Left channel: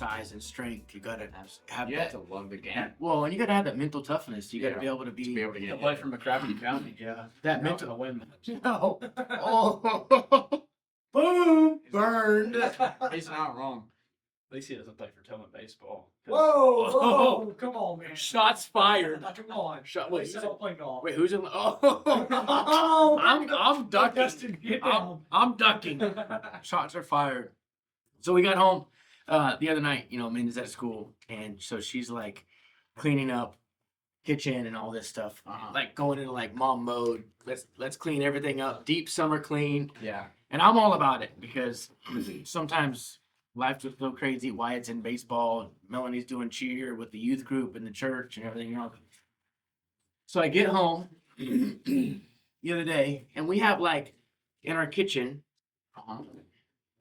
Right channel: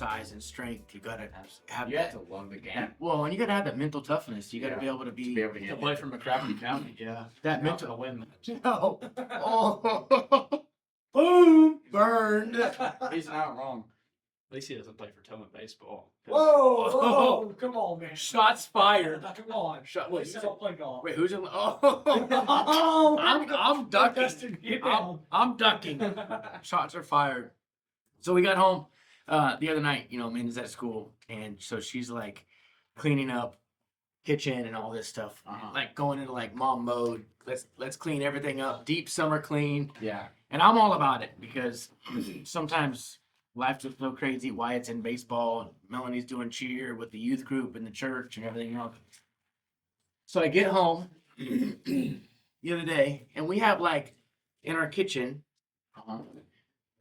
size and strength. You gotta have You that. have to love the game. Well, and you gotta have that mental toughness. You gotta be able to To be able to To get play from McCracken County, yeah. that Not mental. gonna win. No. Oh. Boom. Burned. He's not wrong. At least he doesn't play for Tillman baseball. Whoa, come on, man. Shots fired. Come on. Wait, He's not playing golf. wait, who's in? Oh, I'm ducking. Dustin, get I'm, down. I'm ducking. Shots are fired. So we got home the other night. Amanda's at school, and so she's like cleaning up kitchen and all this stuff, like going into like mom mode. Let's clean everything up. Deep summer clean. Yeah. And I'm all about it because sometimes life just so crazy. Wyatt's in baseball. Melanie's doing cheer with the youth group and the church and everything else. So I get home the other day, and we have like in our kitchen.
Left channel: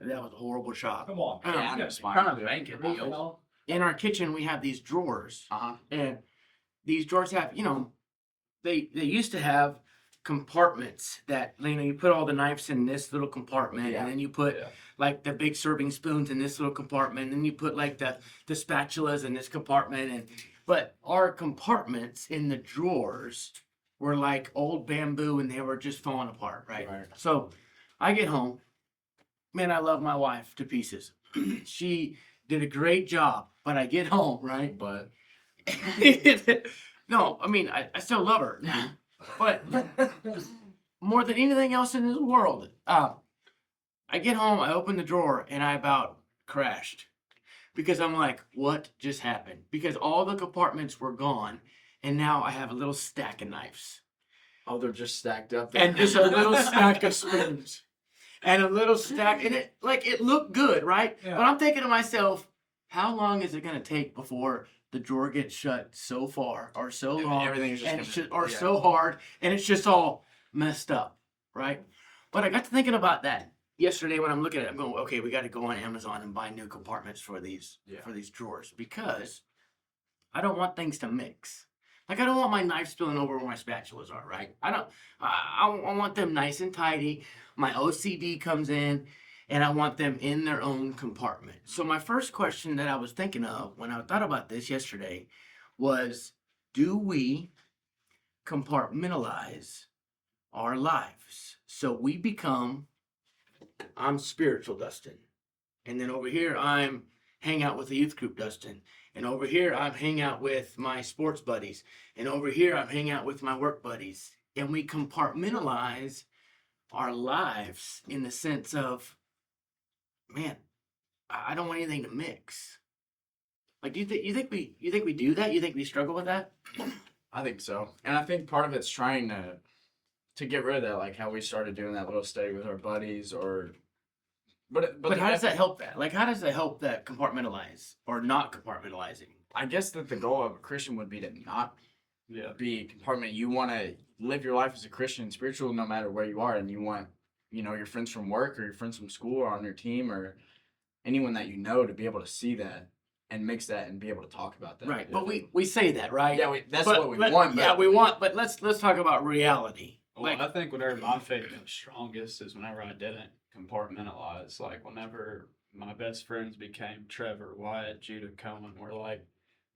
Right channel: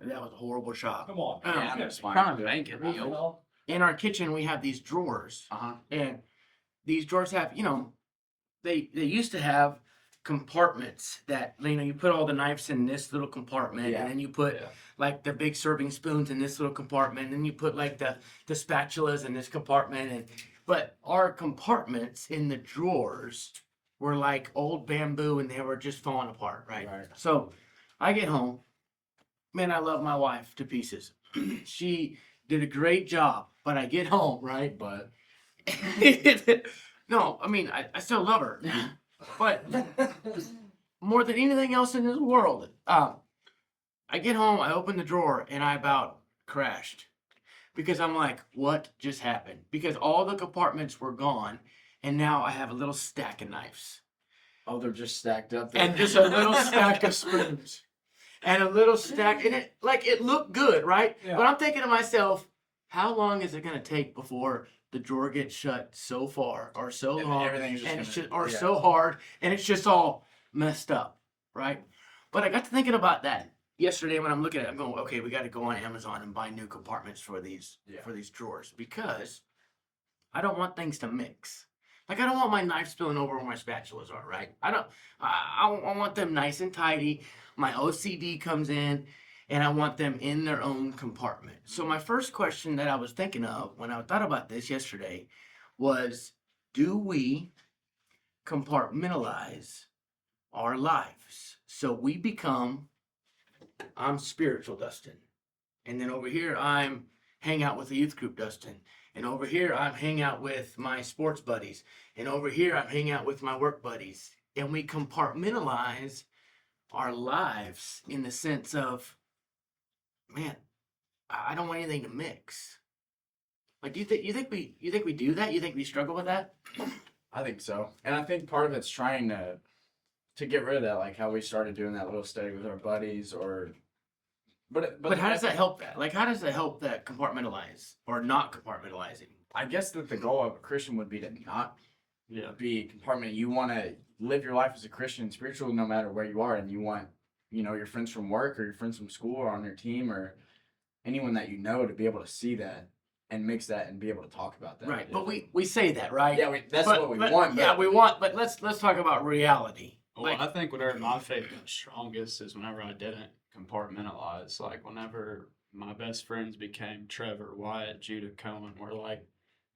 That was a horrible shot. Come on. Yeah, that's fine. Kind of banking deal. In our kitchen, we have these drawers, and these drawers have, they used to have compartments that you put all the knives in this little compartment, and then you put like the big serving spoons in this little compartment, and then you put like the spatulas in this compartment, but our compartments in the drawers were like old bamboo, and they were just falling apart, right? So I get home, man, I love my wife to pieces. She did a great job, but I get home, right? But no, I mean I still love her. But more than anything else in this world, I get home, I open the drawer, and I about crashed. Because I'm like, what just happened? Because all the compartments were gone, and now I have a little stack of knives. oh, they're just stacked up there. And just a little stack of spoons. And a little stack, and it looked good, right? Yeah. But I'm thinking to myself, how long is it gonna take before the drawer gets shut so far or so And long everything's just and gonna- so hard and it's just all messed up, right? But I got to thinking about that yesterday when I'm looking at it. I'm going, okay, we got to go on Amazon and buy new compartments for these drawers because I don't want things to mix. Like I don't want my knife spilling over where my spatulas are, right? I want them nice and tidy. My OCD comes in, and I want them in their own compartment. So my first question that I was thinking of when I thought about this yesterday was, do we compartmentalize our lives? So we become, I'm spiritual Dustin. And then over here, I'm hang out with the youth group Dustin. And over here, I'm hang out with my sports buddies. And over here, I'm hang out with my work buddies. And we compartmentalize our lives in the sense of, man, I don't want anything to mix. Like, you think we do that? You think we struggle with that? I think so, and I think part of it's trying to get rid of that, like how we started doing that little study with our buddies, or. But how does that help that? Like, how does that help that compartmentalize or not compartmentalizing? I guess that the goal of a Christian would be to not Yeah. be compartment. You want to live your life as a Christian and spiritual no matter where you are, and you want, your friends from work or your friends from school or on your team or anyone that you know to be able to see that and mix that and be able to talk about that. Right, but we say that, right? Yeah, that's what we want. Yeah, we want, but let's talk about reality. Well, I think whenever my faith got strongest is whenever I didn't compartmentalize. Like whenever my best friends became Trevor, Wyatt, Judah, Cohen, we're like,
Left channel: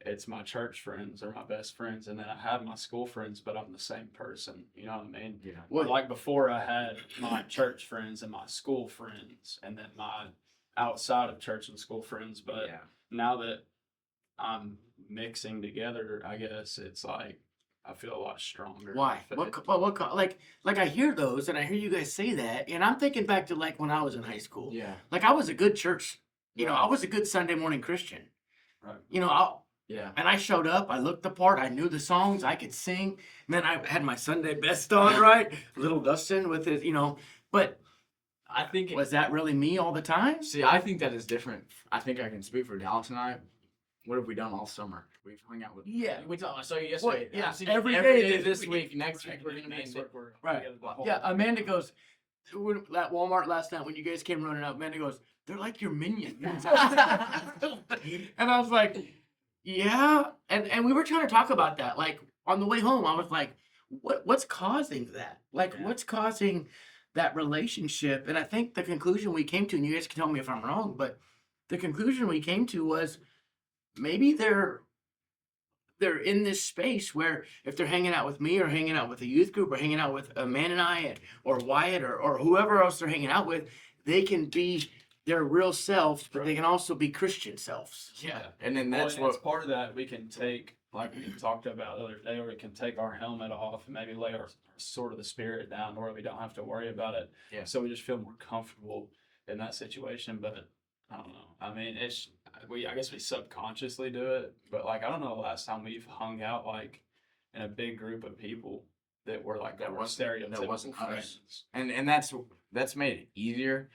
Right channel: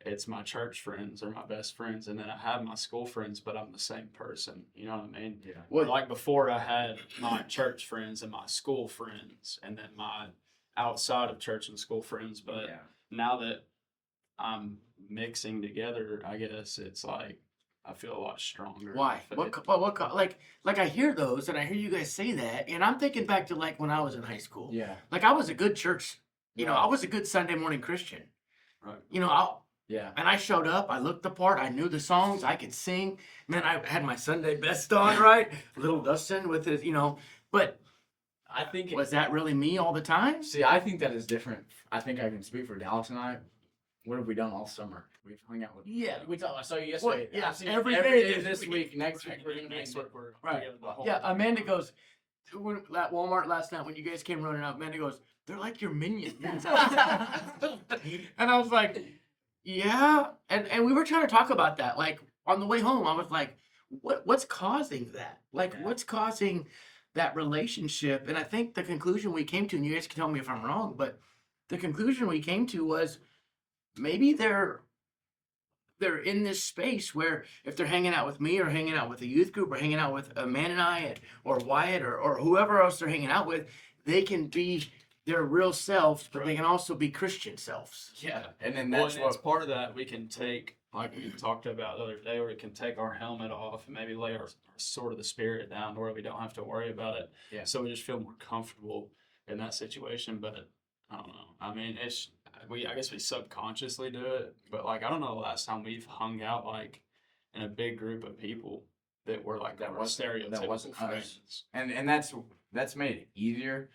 it's my church friends or my best friends, and then I have my school friends, but I'm the same person. You know what I mean? Yeah. Well, like before, I had my church friends and my school friends, and then my outside of church and school friends. But now that I'm mixing together, I guess it's like I feel a lot stronger. Why? Like I hear those, and I hear you guys say that, and I'm thinking back to like when I was in high school. Yeah. Like I was a good church, I was a good Sunday morning Christian. Right. And I showed up, I looked the part, I knew the songs, I could sing. Man, I had my Sunday best on, right? Little Dustin with his, but I think was that really me all the time? See, I think that is different. I think I can speak for Dallas and I. What have we done all summer? We've hung out with. Yeah. I saw you yesterday. Yeah, I've seen every you day this week. Next week we're gonna be next week. We're Right. together the whole Yeah, Amanda goes, at Walmart last night when you guys came running out, Amanda goes, they're like your minions. And I was like, yeah. And we were trying to talk about that. Like on the way home, I was like, what's causing that? Like what's causing that relationship? And I think the conclusion we came to, and you guys can tell me if I'm wrong, but the conclusion we came to was maybe they're in this space where if they're hanging out with me or hanging out with a youth group or hanging out with a man and I or Wyatt or whoever else they're hanging out with, they can be their real selves, but they can also be Christian selves. Yeah, and then Well, that's and what it's part of that we can take, like we talked about the other day, where we can take our helmet off and maybe lay our sword of the spirit down to where we don't have to worry about it. Yeah. So we just feel more comfortable in that situation. But I don't know. I mean, I guess we subconsciously do it, but like I don't know the last time we've hung out like in a big group of people that were like That our wasn't- stereotypical that wasn't us. friends. and that's made it easier,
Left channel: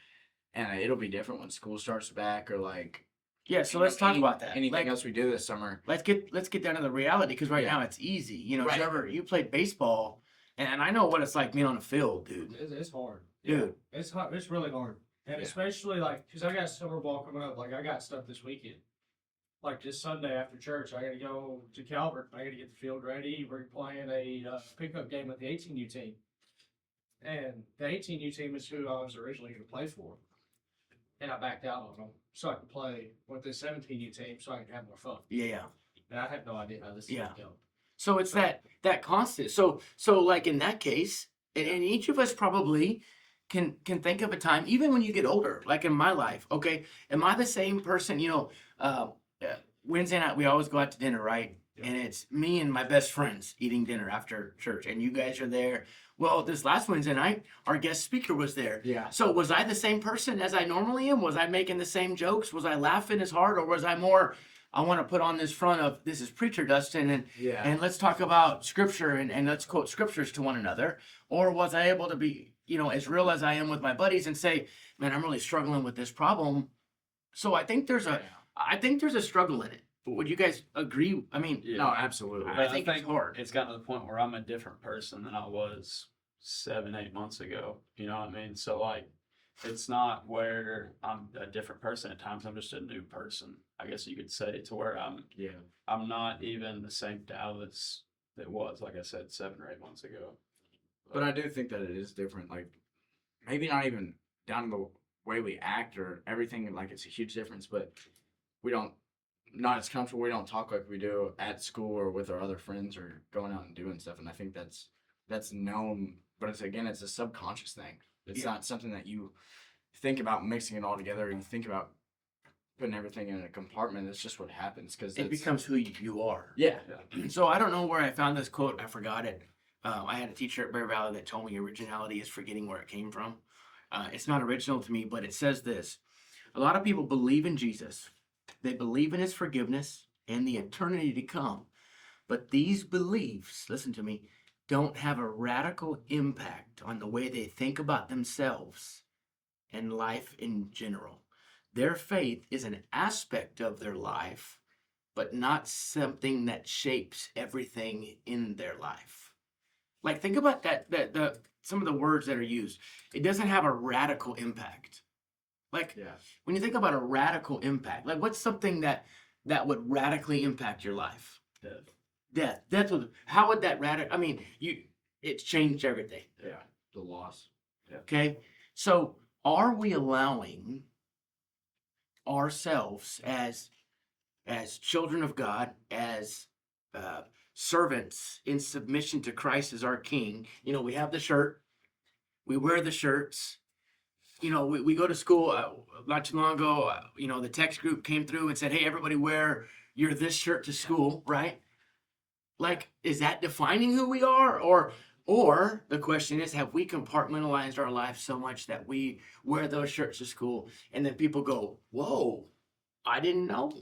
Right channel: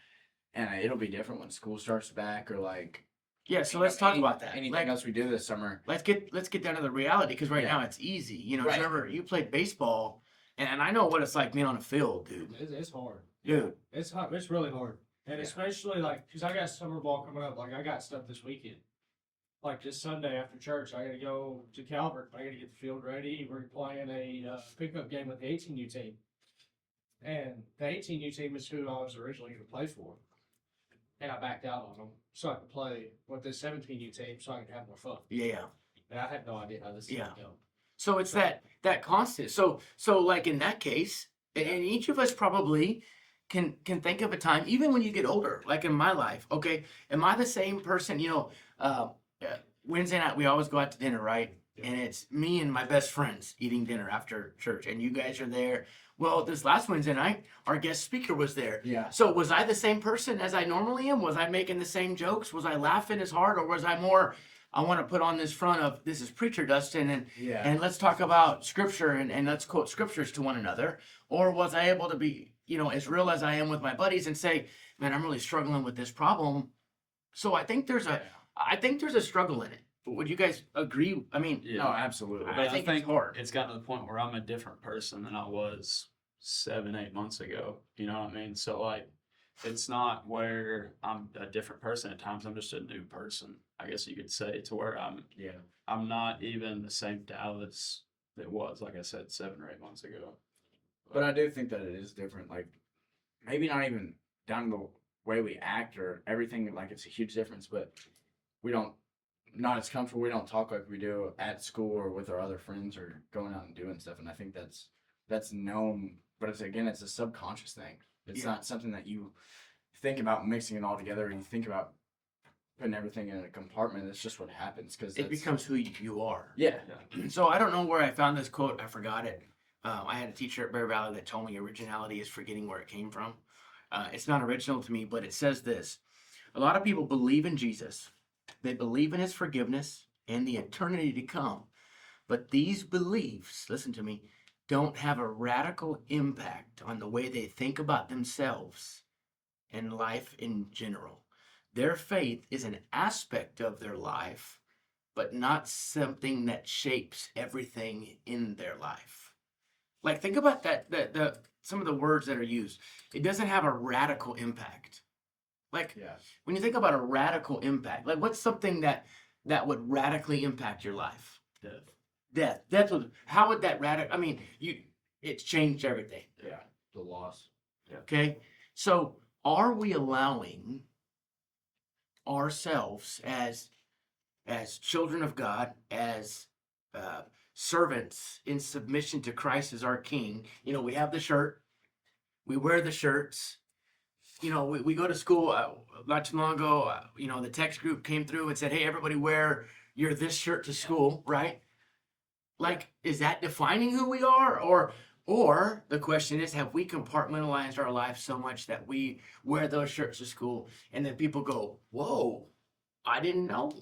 and it'll be different when school starts back or like. Yeah, so let's talk about that. Anything Like, else we do this summer? let's get down to the reality because right Yeah. now it's easy. You know, Right. Trevor, you played baseball, and I know what it's like being on a field, dude. It's hard. Dude, It's hard. It's really hard. And Yeah. especially like, cause I got summer ball coming up. Like I got stuff this weekend. Like this Sunday after church, I gotta go to Calvert. I gotta get the field ready. We're playing a pickup game with the 18U team. And the 18U team is who I was originally gonna play for. And I backed out on them so I could play with the 17U team so I could have more fun. yeah. And I have no idea how this is Yeah. gonna go. So it's that constant. So like in that case, and each of us probably can think of a time, even when you get older, like in my life. Okay, am I the same person? You know, Wednesday night we always go out to dinner, right? And it's me and my best friends eating dinner after church, and you guys are there. Well, this last Wednesday night, our guest speaker was there. Yeah. So was I the same person as I normally am? Was I making the same jokes? Was I laughing as hard, or was I more? I want to put on this front of this is preacher Dustin, and let's talk about scripture and let's quote scriptures to one another. Or was I able to be, as real as I am with my buddies and say, man, I'm really struggling with this problem. So I think there's a struggle in it. Would you guys agree? I mean, Yeah. No, absolutely. I think it's hard. It's gotten to the point where I'm a different person than I was 7-8 months ago. You know what I mean? So like, it's not where I'm a different person at times. I'm just a new person, I guess you could say, to where I'm not even the same Dallas that was, like I said, 7 or 8 months ago. But I do think that it is different. Like, maybe not even down to the way we act or everything. Like, it's a huge difference. But we don't, not as comfortable. We don't talk like we do at school or with our other friends or going out and doing stuff. And I think that's known. But it's a subconscious thing. It's not something that you think about mixing it all together. And you think about putting everything in a compartment. It's just what happens because It becomes who you are. Yeah. So I don't know where I found this quote. I forgot it. I had a teacher at Bear Valley that told me originality is forgetting where it came from. It's not original to me, but it says this. A lot of people believe in Jesus. They believe in his forgiveness and the eternity to come. But these beliefs, listen to me, don't have a radical impact on the way they think about themselves and life in general. Their faith is an aspect of their life, but not something that shapes everything in their life. Like, think about that some of the words that are used. It doesn't have a radical impact. Like, when you think about a radical impact, like what's something that would radically impact your life? Death. How would that it's changed everything. Yeah. The loss. Okay? So are we allowing ourselves as children of God, as servants in submission to Christ as our King? We have the shirt. We wear the shirts. We go to school not too long ago. The text group came through and said, hey, everybody wear this shirt to school, right? Like, is that defining who we are? Or the question is, have we compartmentalized our life so much that we wear those shirts to school and then people go, whoa, I didn't know.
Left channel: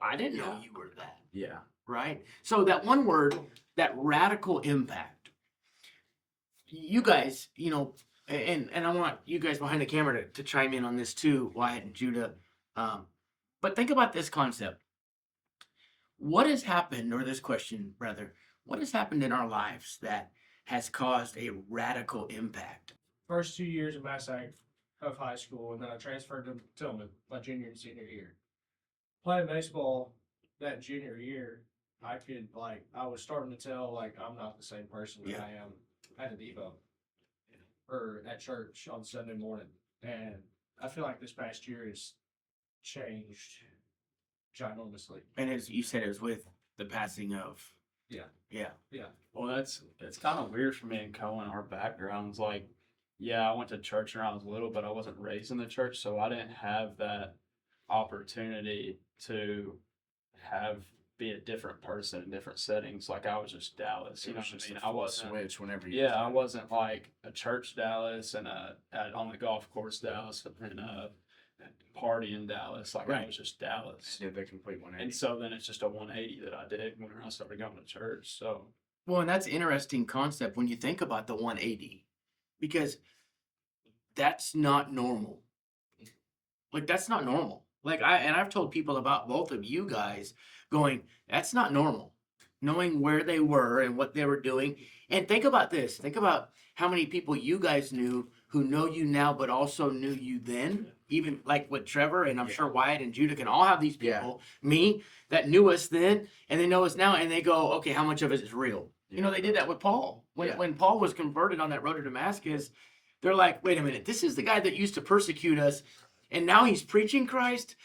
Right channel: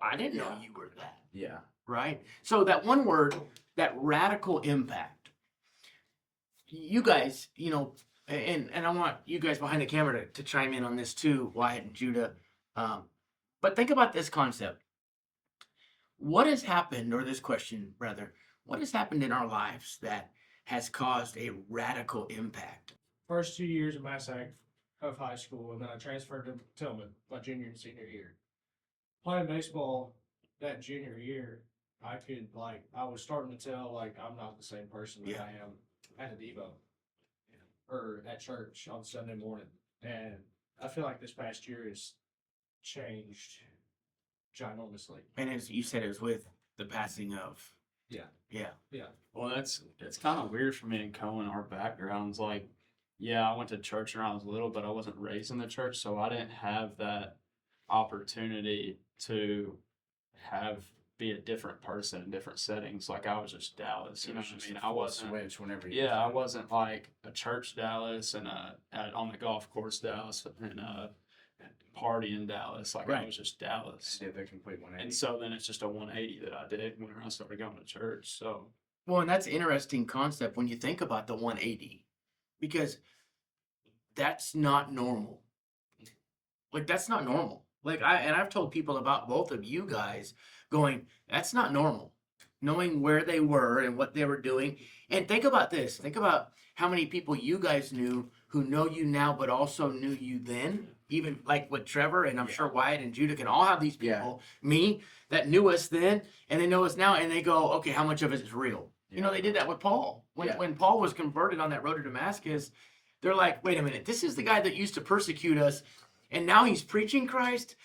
I didn't know you were that. Yeah. Right? So that one word, that radical impact. You guys, and I want you guys behind the camera to chime in on this too, Wyatt and Judah. But think about this concept. What has happened, or this question, rather, what has happened in our lives that has caused a radical impact? First 2 years of Massac of high school, and then I transferred to Tillman my junior and senior year. Playing baseball that junior year, I was starting to tell, I'm not the same person that I am at a Devo or at church on Sunday morning. And I feel like this past year has changed ginormously. And as you said, it was with the passing of. Yeah. Yeah. Yeah. Well, it's kind of weird for me and Cohen. Our backgrounds, like, yeah, I went to church when I was little, but I wasn't raised in the church, so I didn't have that opportunity to be a different person in different settings. Like I was just Dallas, you know what I mean? I wasn't. Switch whenever you. Yeah, I wasn't like a church Dallas and on the golf course Dallas and party in Dallas. Like I Right. was just Dallas. Did the complete 180. And so then it's just a 180 that I did when I started going to church. So Well, and that's an interesting concept when you think about the 180, because that's not normal. Like that's not normal. I've told people about both of you guys going, that's not normal. Knowing where they were and what they were doing. And think about this. Think about how many people you guys knew who know you now but also knew you then. Even like with Trevor, and I'm sure Wyatt and Judah can all have these people, me, that knew us then and they know us now, and they go, okay, how much of it is real? You know, they did that with Paul. When Paul was converted on that road to Damascus, they're like, wait a minute, this is the guy that used to persecute us, and now he's preaching Christ?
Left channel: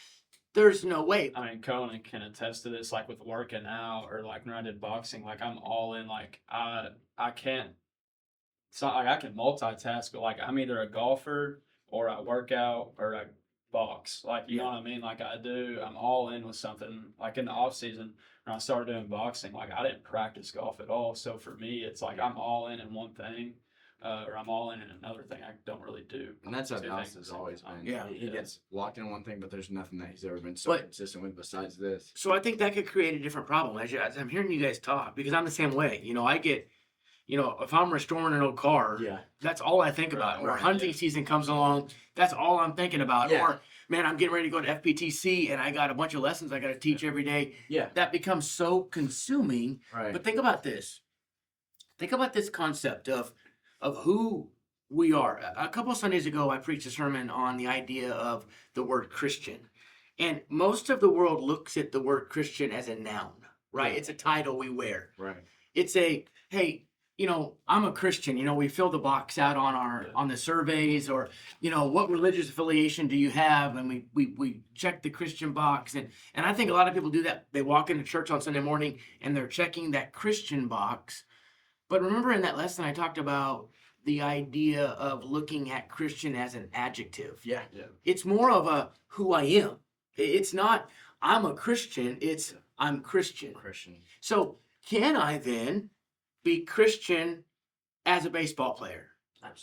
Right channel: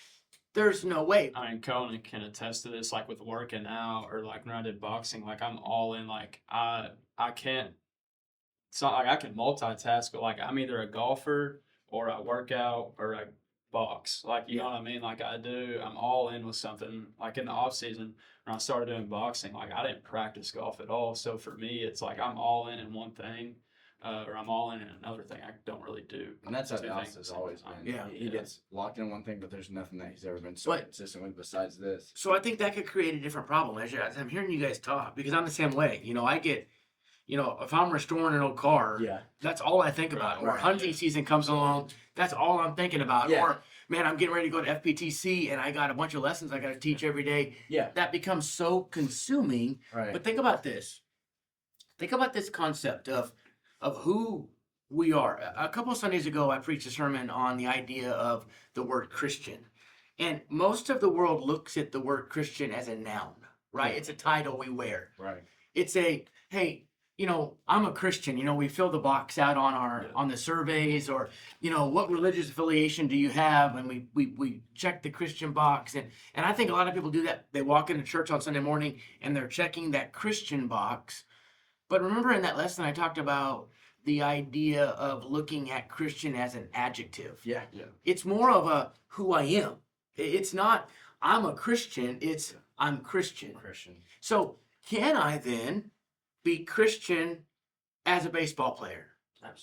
There's no way. I mean, Conan can attest to this. Like with working out or like when I did boxing, like I'm all in. Like I can't. It's not like I can multitask, but like I'm either a golfer or I work out or I box. Like you know what I mean? Like I'm all in with something. Like in the off season when I started doing boxing, like I didn't practice golf at all. So for me, it's like I'm all in one thing. Or I'm all in another thing I don't really do. And that's how two Dallas things has at the always same time. been. Yeah. He gets locked in one thing, but there's nothing that he's ever been so But- consistent with besides this. So I think that could create a different problem as I'm hearing you guys talk, because I'm the same way. You know, I get, if I'm restoring an old car, Yeah. that's all I think about. Or Right. hunting season comes along, that's all I'm thinking about. Yeah. Or, man, I'm getting ready to go to FPTC and I got a bunch of lessons I got to teach every day. Yeah. That becomes so consuming. Right. But think about this. Think about this concept of who we are. A couple of Sundays ago, I preached a sermon on the idea of the word Christian. And most of the world looks at the word Christian as a noun, right? Yeah. It's a title we wear. Right. It's hey, I'm a Christian. We fill the box out on on the surveys, or, what religious affiliation do you have? And we check the Christian box. And I think a lot of people do that. They walk into church on Sunday morning and they're checking that Christian box. But remember in that lesson, I talked about the idea of looking at Christian as an adjective. Yeah. It's more of a who I am. It's not I'm a Christian, it's I'm Christian. Christian. So can I then be Christian as a baseball player?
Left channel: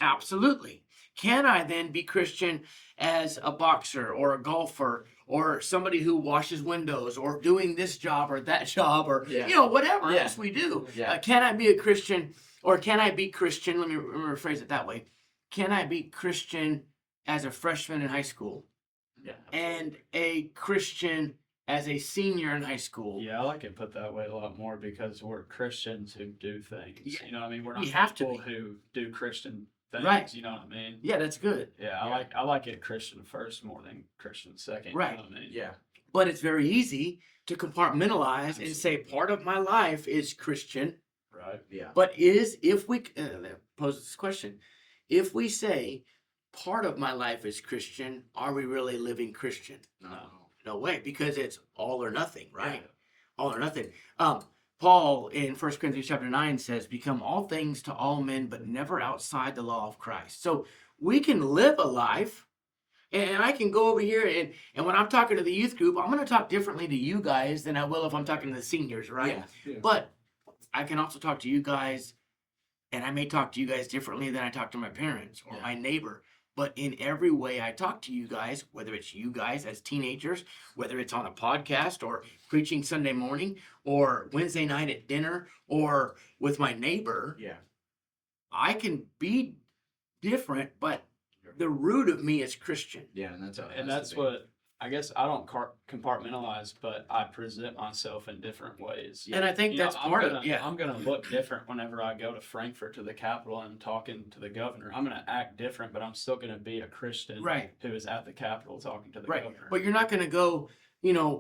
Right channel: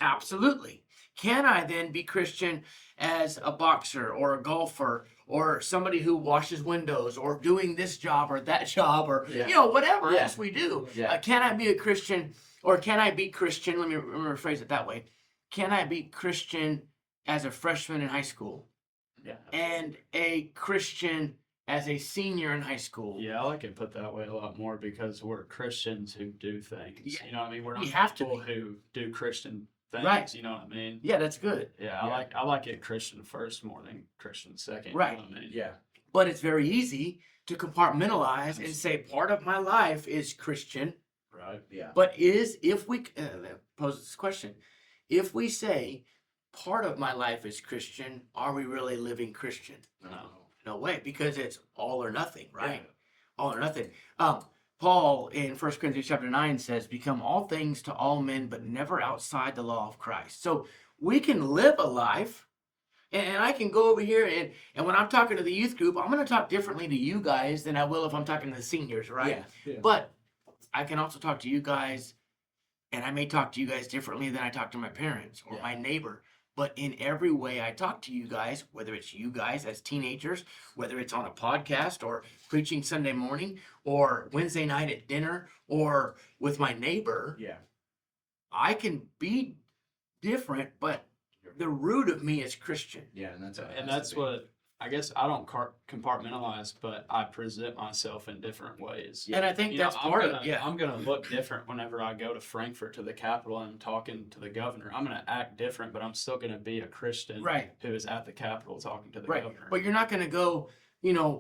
Absolutely. Can I then be Christian as a boxer or a golfer or somebody who washes windows or doing this job or that job or whatever Yeah. else we do? Yeah. Can I be a Christian, or can I be Christian? Let me rephrase it that way. Can I be Christian as a freshman in high school Yeah. and a Christian as a senior in high school? Yeah, I like it put that way a lot more because we're Christians who do things. Yeah. You know what I mean? We're We not have to people be. who do Christian things. Right. You know what I mean? Yeah, that's good. Yeah, I like it Christian first more than Christian second. Right. You know what I mean? Yeah. But it's very easy to compartmentalize and say part of my life is Christian. Right. Yeah. But if we pose this question, if we say part of my life is Christian, are we really living Christian? No. No way, because it's all or nothing, right? Yeah. All or nothing. Paul in 1 Corinthians chapter 9 says, become all things to all men, but never outside the law of Christ. So we can live a life, and I can go over here, and when I'm talking to the youth group, I'm going to talk differently to you guys than I will if I'm talking to the seniors, right? Yeah. But I can also talk to you guys, and I may talk to you guys differently than I talk to my parents or my neighbor. But in every way I talk to you guys, whether it's you guys as teenagers, whether it's on a podcast or preaching Sunday morning or Wednesday night at dinner or with my neighbor, Yeah. I can be different, but the root of me is Christian. Yeah. And that's And that's what I guess I don't compartmentalize, but I present myself in different ways. And I think You know, that's part of it. Yeah. I'm gonna look different whenever I go to Frankfurt to the Capitol and I'm talking to the governor. I'm gonna act different, but I'm still gonna be a Christian Right. who is at the Capitol talking to the Right. governor. But you're not going to go,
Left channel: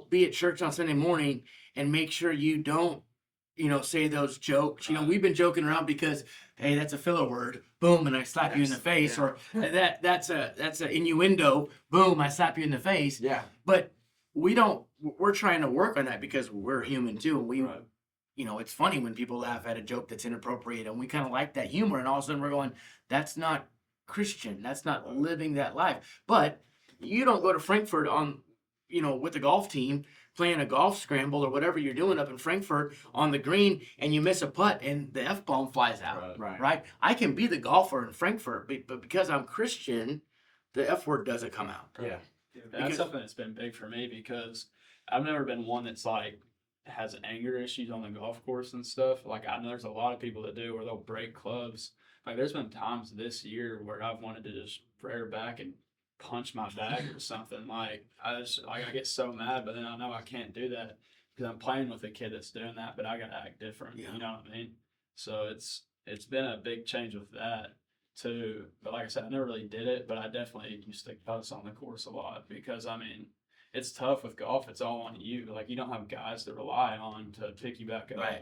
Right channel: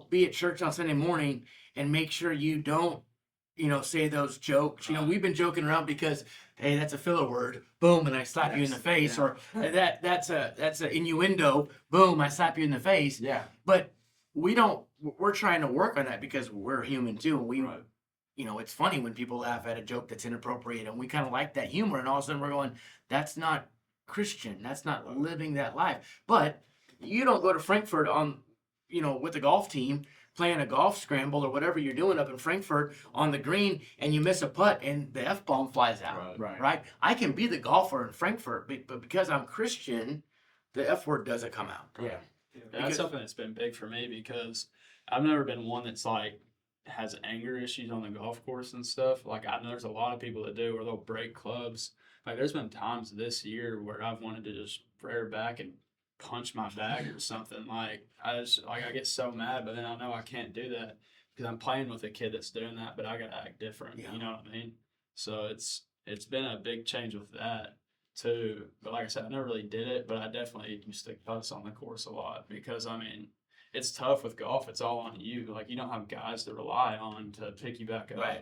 be at church on Sunday morning and make sure you don't, say those jokes. We've been joking around because hey, that's a filler word, boom, and I slap you in the Yes, face, yeah. or that's a innuendo, boom, I slap you in the face. Yeah. But we're trying to work on that because we're human too. And Right. it's funny when people laugh at a joke that's inappropriate, and we kind of like that humor, and all of a sudden we're going, that's not Christian. That's not living that life. But you don't go to Frankfurt on, with the golf team playing a golf scramble or whatever you're doing up in Frankfurt on the green, and you miss a putt and the F-bomb flies out. Right. Right? I can be the golfer in Frankfurt, but because I'm Christian, the F word doesn't come out. Yeah. That's Because- something that's been big for me because I've never been one that's like has anger issues on the golf course and stuff. Like I know there's a lot of people that do, or they'll break clubs. Like there's been times this year where I've wanted to just rear back and punch my bag or something. Like I get so mad, but then I know I can't do that because I'm playing with a kid that's doing that, but I gotta act different. Yeah. You know what I mean? So it's been a big change with that too. But like I said, I never really did it, but I definitely used to cuss on the course a lot because I mean, it's tough with golf. It's all on you. Like you don't have guys to rely on to pick you back up. Right.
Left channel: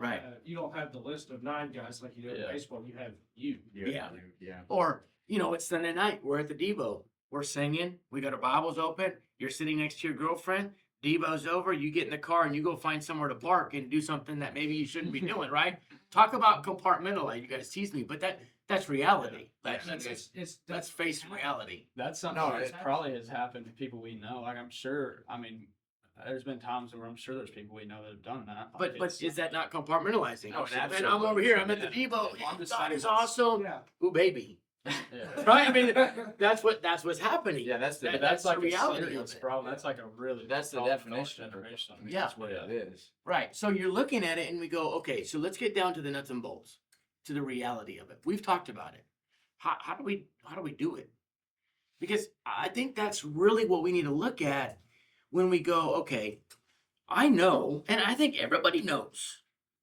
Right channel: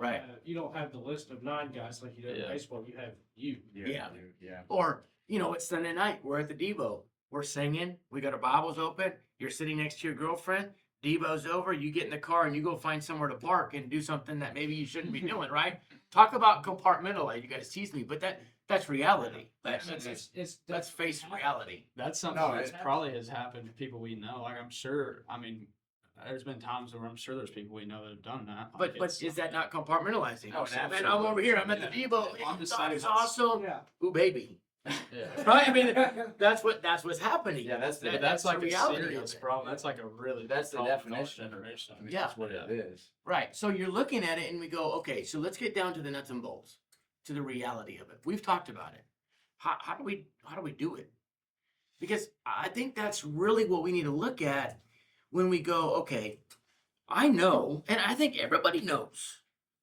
Right. You don't have the list of 9 guys like you do in Yeah. baseball. You have you. Yeah. Yeah. Or, it's Sunday night. We're at the Devo. We're singing. We got our Bibles open. You're sitting next to your girlfriend. Devo's over. You get in the car and you go find somewhere to park and do something that maybe you shouldn't be doing, right? Talk about compartmentalize. You guys tease me, but that's reality. Let's face reality. That's something No, that it- probably has happened to people we know. Like I'm sure. I mean, there's been times where I'm sure there's people we know that have done that. But Like, but it's- is that not compartmentalizing? Oh, Man, I'm absolutely. over here. I'm at the Yeah. Devo. I'm just God saying is it's- awesome. Yeah. Ooh, baby. yeah. Right? I mean, that's what's happening. Yeah, that's the But That's that's the like a reality of serious it. problem. That's like a really that's the big problem for our definition. generation. I mean, Yeah. that's what it is. Right. So you're looking at it and we go, okay, so let's get down to the nuts and bolts, to the reality of it. We've talked about it. How do we do it? Because I think that's really what we need to look at when we go, okay, I know, and I think everybody knows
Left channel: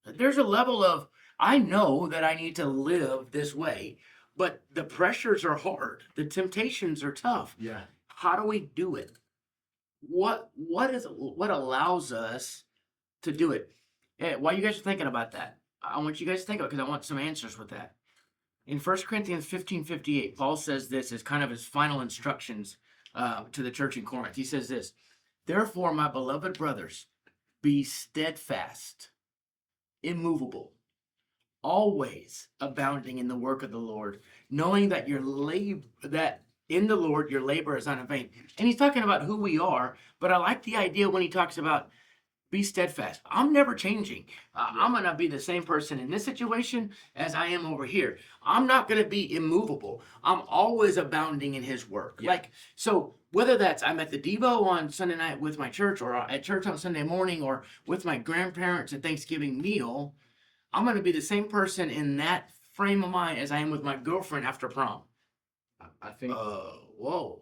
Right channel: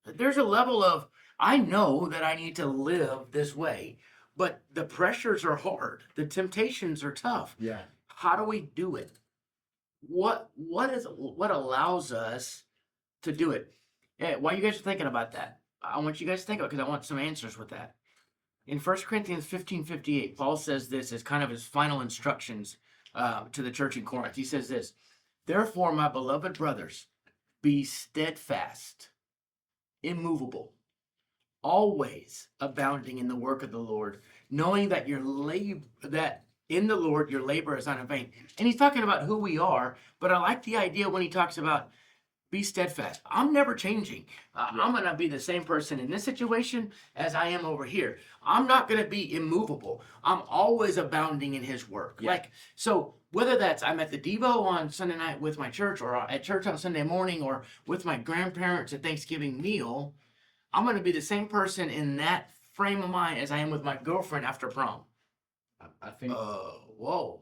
that there's a level of I know that I need to live this way, but the pressures are hard. The temptations are tough. Yeah. How do we do it? What allows us to do it? While you guys are thinking about that, I want you guys to think about it because I want some answers with that. In 1 Corinthians 15:58, Paul says this as kind of his final instructions to the church in Corinth. He says this, therefore, my beloved brothers, be steadfast, immovable, always abounding in the work of the Lord, knowing that that in the Lord your labor is not in vain. And he's talking about who we are, but I like the idea when he talks about be steadfast. I'm never changing. I'm going to be the same person in this situation as I am over here. I'm not going to be immovable. I'm always abounding in his work. Yeah. So whether that's I'm at the Devo on Sunday night with my church or at church on Sunday morning or with my grandparents at Thanksgiving meal, I'm going to be the same person in that frame of mind as I am with my girlfriend after prom. I think Whoa,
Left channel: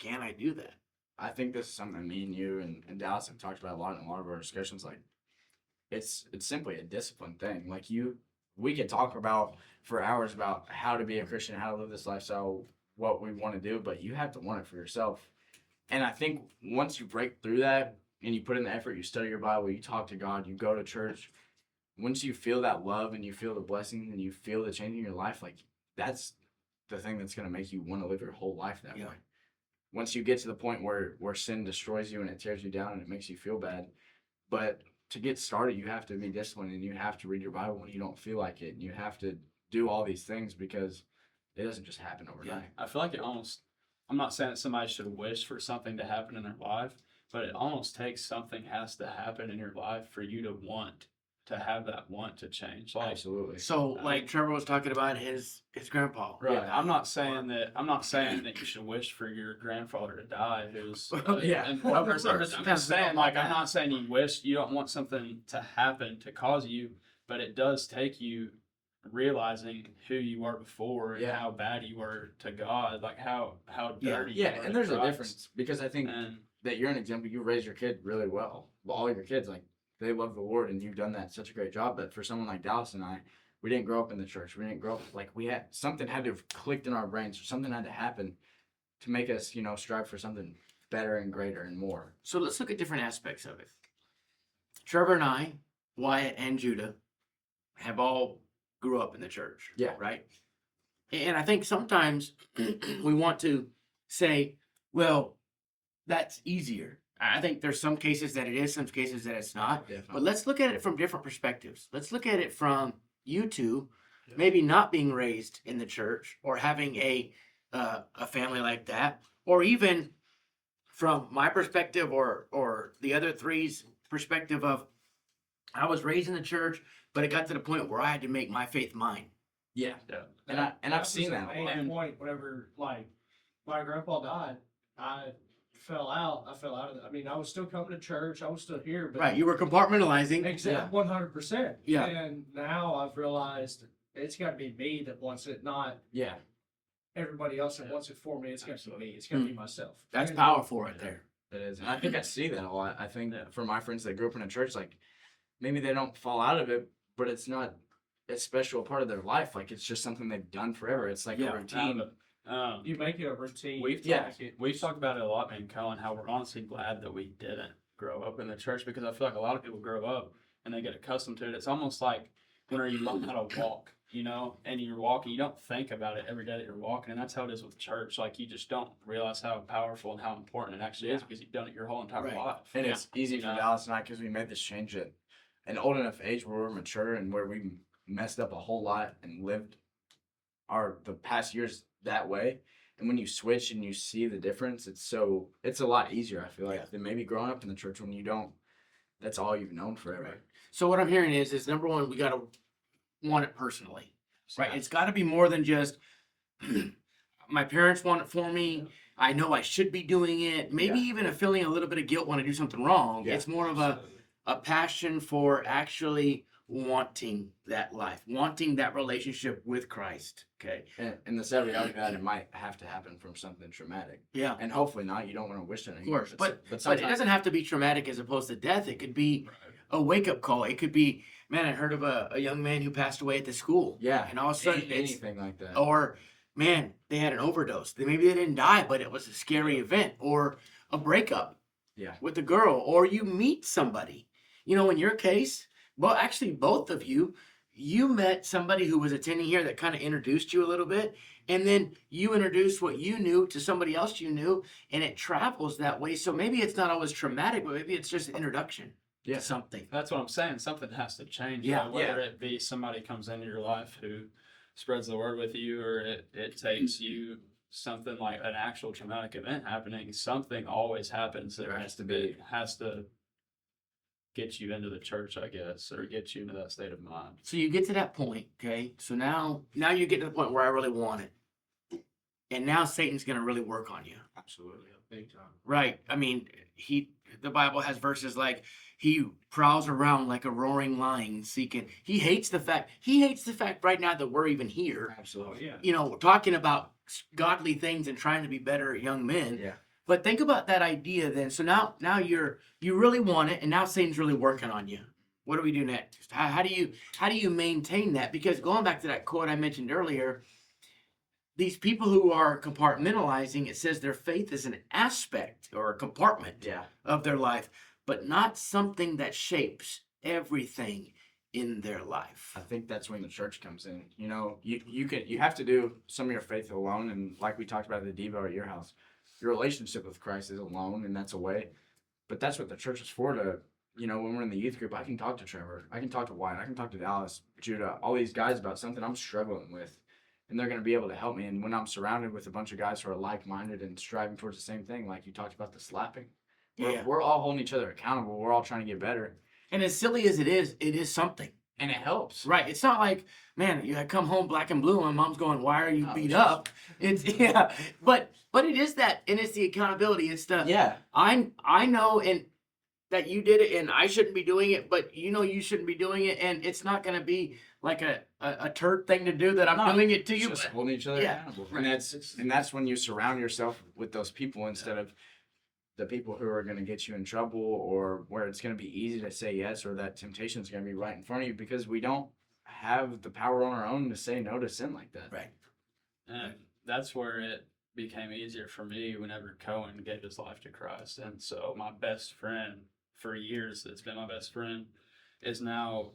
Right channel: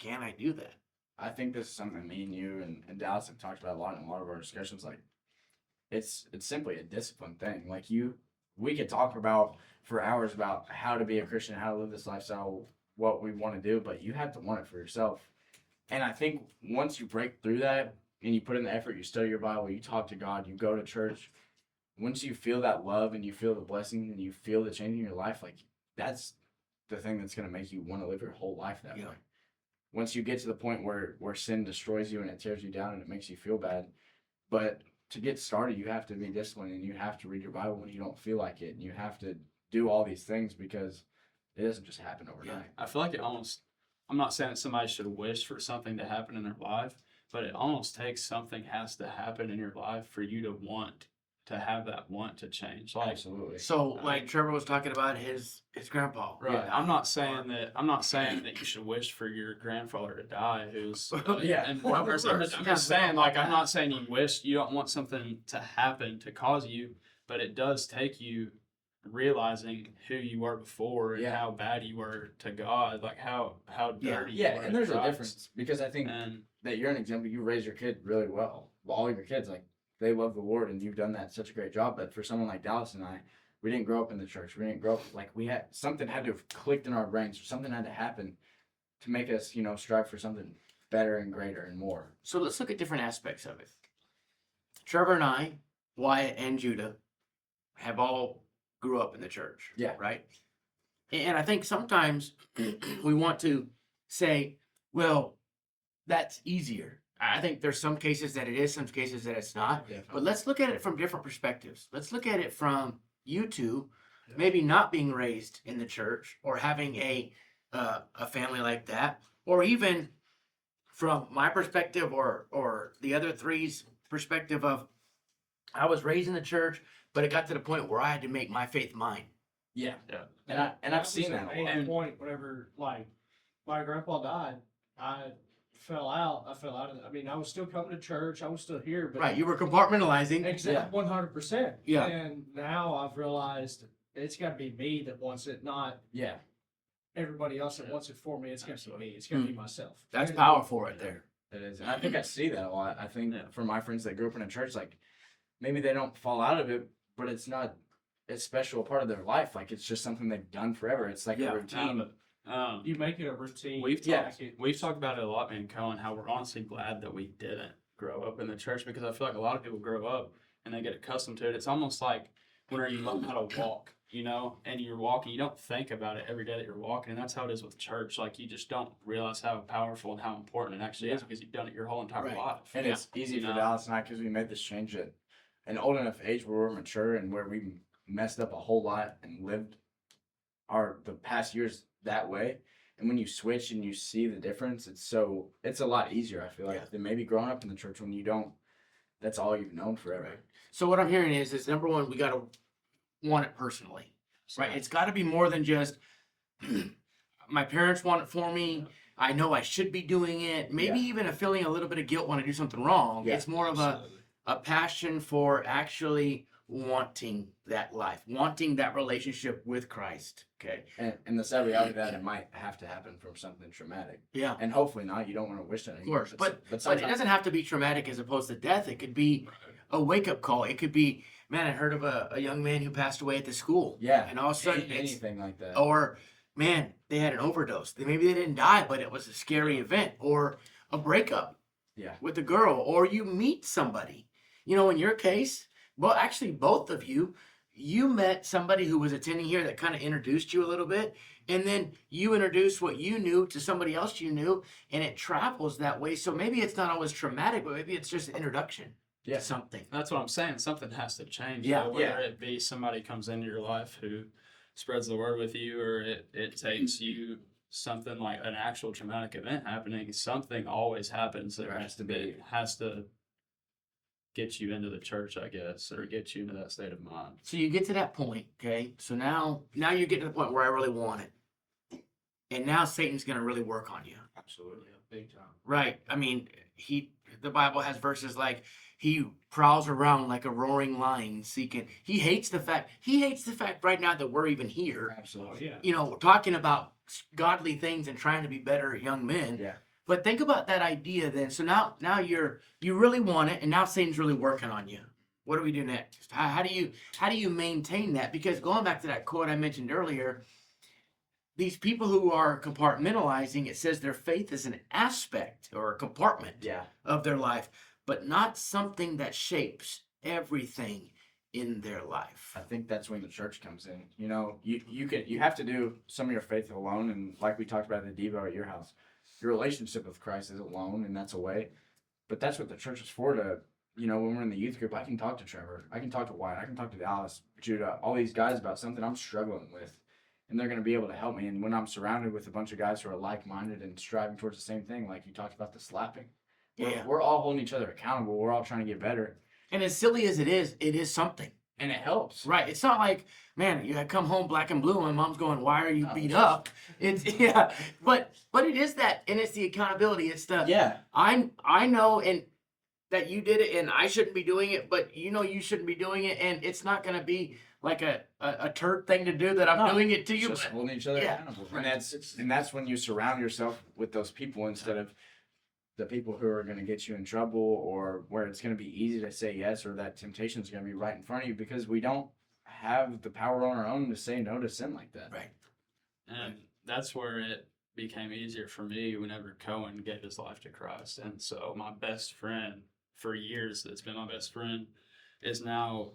can I do that? I think this is something me and you and Dallas have talked about a lot in a lot of our discussions. Like, it's simply a discipline thing. Like we could talk about for hours about how to be a Christian, how to live this lifestyle, what we want to do, but you have to want it for yourself. And I think once you break through that and you put in the effort, you study your Bible, you talk to God, you go to church. Once you feel that love and you feel the blessing and you feel the change in your life, like that's the thing that's going to make you want to live your whole life that way. Once you get to the point where sin destroys you and it tears you down and it makes you feel bad. But to get started, you have to be disciplined and you have to read your Bible when you don't feel like it. And you have to do all these things because it doesn't just happen overnight. I feel like I'm not saying that somebody should wish for something to happen in their life, but it almost takes something has to happen in your life for you to want to have that want to change. Like, Absolutely. So, like Trevor was talking about his grandpa. right. Yeah. I'm not saying that you should wish for your grandfather to die who's Yeah. and one person. I'm just saying, like, I'm not saying you don't want something to happen to cause you, but it does take you realizing who you were before and Yeah. how bad you were to God, like how dirty you Yeah, were and to there's a Christ. difference because I think And that you're an example. You raise your kid really well. All of your kids, like, they love the Lord and you've done that such a great job. But for someone like Dallas and I, we didn't grow up in the church. We didn't grow up like something had to have clicked in our brains or something had to happen to make us, strive for something better and greater and more. So let's look at different aspects of it. Trevor and I, Wyatt and Judah, have all grew up in the church. Yeah. Right. And I think sometimes we want to say, well, that's easier. I think there's some cases that it is, some cases that it's not. But let's look at it from different perspectives. Let's look at it from you two, maybe not being raised in the church or having a family like that, or even from my perspective or the other three's perspective of I was raised in the church, but it got to the point where I had to make my faith mine. Yeah. Yeah. And I've seen that a lot. At point whenever like my grandpa died, I fell out. I fell out of it. I mean, I was still coming to church. I was still here, but Right, you were compartmentalizing. exactly 100%. Yeah. And now I've realized it's got to be me that wants it, not Yeah. everybody else that wants it for me. It's got to be me. It's got to be myself. That's powerful right there. It is. And I think I see that a lot. I think Yeah. for my friends that grew up in a church, like maybe they don't fall out of it, but it's not a special part of their life. Like it's just something they've done forever. It's like Yeah. a routine. You make it a routine. We've Yeah. talked, we've talked about it a lot, me and Cohen, how we're honestly glad that we didn't grow up in the church, because I feel like a lot of people grow up and they get accustomed to it. It's almost like when you learn how to walk, you know, and you're walking, you don't think about it every day that you're walking, and that's how it is with church. Like you just don't realize how powerful and how important it actually is because you've done it your whole entire Right. life. And it's easy You for know? Dallas and I because we made this change at an old enough age where we're mature and where we messed up a whole lot and lived the past years that way. And when you switch and you see the difference, it's a lot easier, I feel like, than maybe growing up in the church when you don't, that's all you've known forever. Right. So what I'm hearing is number one, we got to want it personally, right? It's got to be more than just my parents want it for me. I know I should be doing it. Maybe even a feeling a little bit of guilt when I do something wrong. Yeah. It's more of Absolutely. a passion for actually wanting that life, wanting that relationship with Christ. Okay. And the sad reality of that, it might have to happen from something traumatic. Yeah. And hopefully not. You don't want to wish that. Of course. But it sometimes, doesn't have to be traumatic as opposed to death. It could be a wake up call. It could be, man, I heard of a young man who passed away at the school. yeah. And all of a sudden it's, anything like that. or man, they had an overdose. Maybe they didn't die, but it was a scary event, or a breakup Yeah. with a girl, or you meet somebody. You know, in your case, well, actually, both of you met somebody who was attending here that kind of introduced you a little bit, and then you introduced what you knew to somebody else you knew, and it travels that way. So maybe it's not always traumatic, but maybe it's just an introduction Yeah. to something. That's what I'm saying. Something has to change. Yeah. You know, whether it be somebody comes into your life who spreads the word with you, or it takes you something like an actual traumatic event happening. Something always happens that There has to that be. has to get you into the church, I guess, or get you into that state of mind. So you get to that point, okay? So now you get to the point where I really want it. And now Satan's going to really work on you. Absolutely. Big time. Right. I mean, the Bible has verses like he prowls around like a roaring lion seeking. He hates the fact right now that we're even here. Absolutely. Yeah. You know, we're talking about godly things and trying to be better young men. Yeah. But think about that idea then. So now you really want it, and now Satan's really working on you. What do we do next? How do you maintain that? Because going back to that quote I mentioned earlier, these people who are compartmentalizing, it says their faith is an aspect or a compartment Yeah. of their life, but not something that shapes everything in their life. I think that's when the church comes in. You know, you have to do some of your faith alone, and like we talked about at the Devo at your house, your relationship with Christ is alone, and that's a way. But that's what the church is for. To, you know, when we're in the youth group, I can talk to Trevor, I can talk to Wyatt, I can talk to Dallas, Judah, all these guys about something I'm struggling with, and they're going to be able to help me. And when I'm surrounded with a bunch of guys who are like-minded and striving towards the same thing, like you talked about the slapping, we're all holding each other accountable. We're all trying to get better, And as silly as it is something. and it helps. Right. It's not like, man, you come home black and blue and mom's going, why are you No, beat it's up? It's but it is that, and it's the accountability. It's the Yeah. I know and that you did it and I shouldn't be doing it, but you know you shouldn't be doing it, and it's not gonna be like a turd thing to do that I'm No, doing it to It's you. just but- holding each other yeah, accountable, right. and that's when you surround yourself with those people instead of the people who are going to get you in trouble, or where it's going to be easy to say yes, or that temptation is going to be right in front of you, because we don't have the power on our own to say no to sin like that. Right. And that's where it became easier for me whenever Cohen gave his life to Christ. And so my best friend for years, that's been my best friend, is now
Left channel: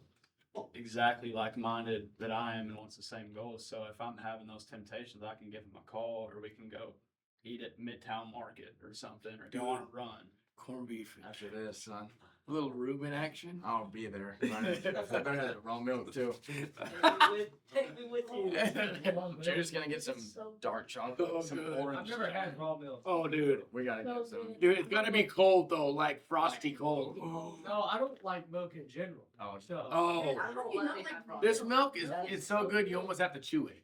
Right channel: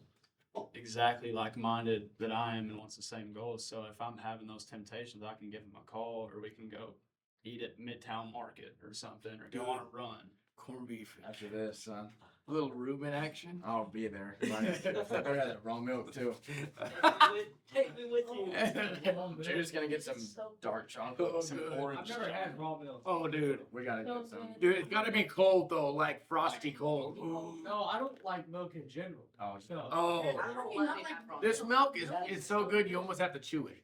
exactly like-minded that I am and wants the same goals. So if I'm having those temptations, I can give them a call, or we can go eat at Midtown Market or something, or go on a run. Corned beef. After this, son, A little Reuben action. I'll be there. I better have that raw milk too. Take me with you. Judah's gonna get some dark chocolate, some orange. I've never had raw milk. Oh, dude. We gotta get some. Dude, it's gotta be cold though, like frosty cold. No, I don't like milk in general. Oh, So, Oh, I don't let it have raw this milk. milk is so good you almost have to chew it.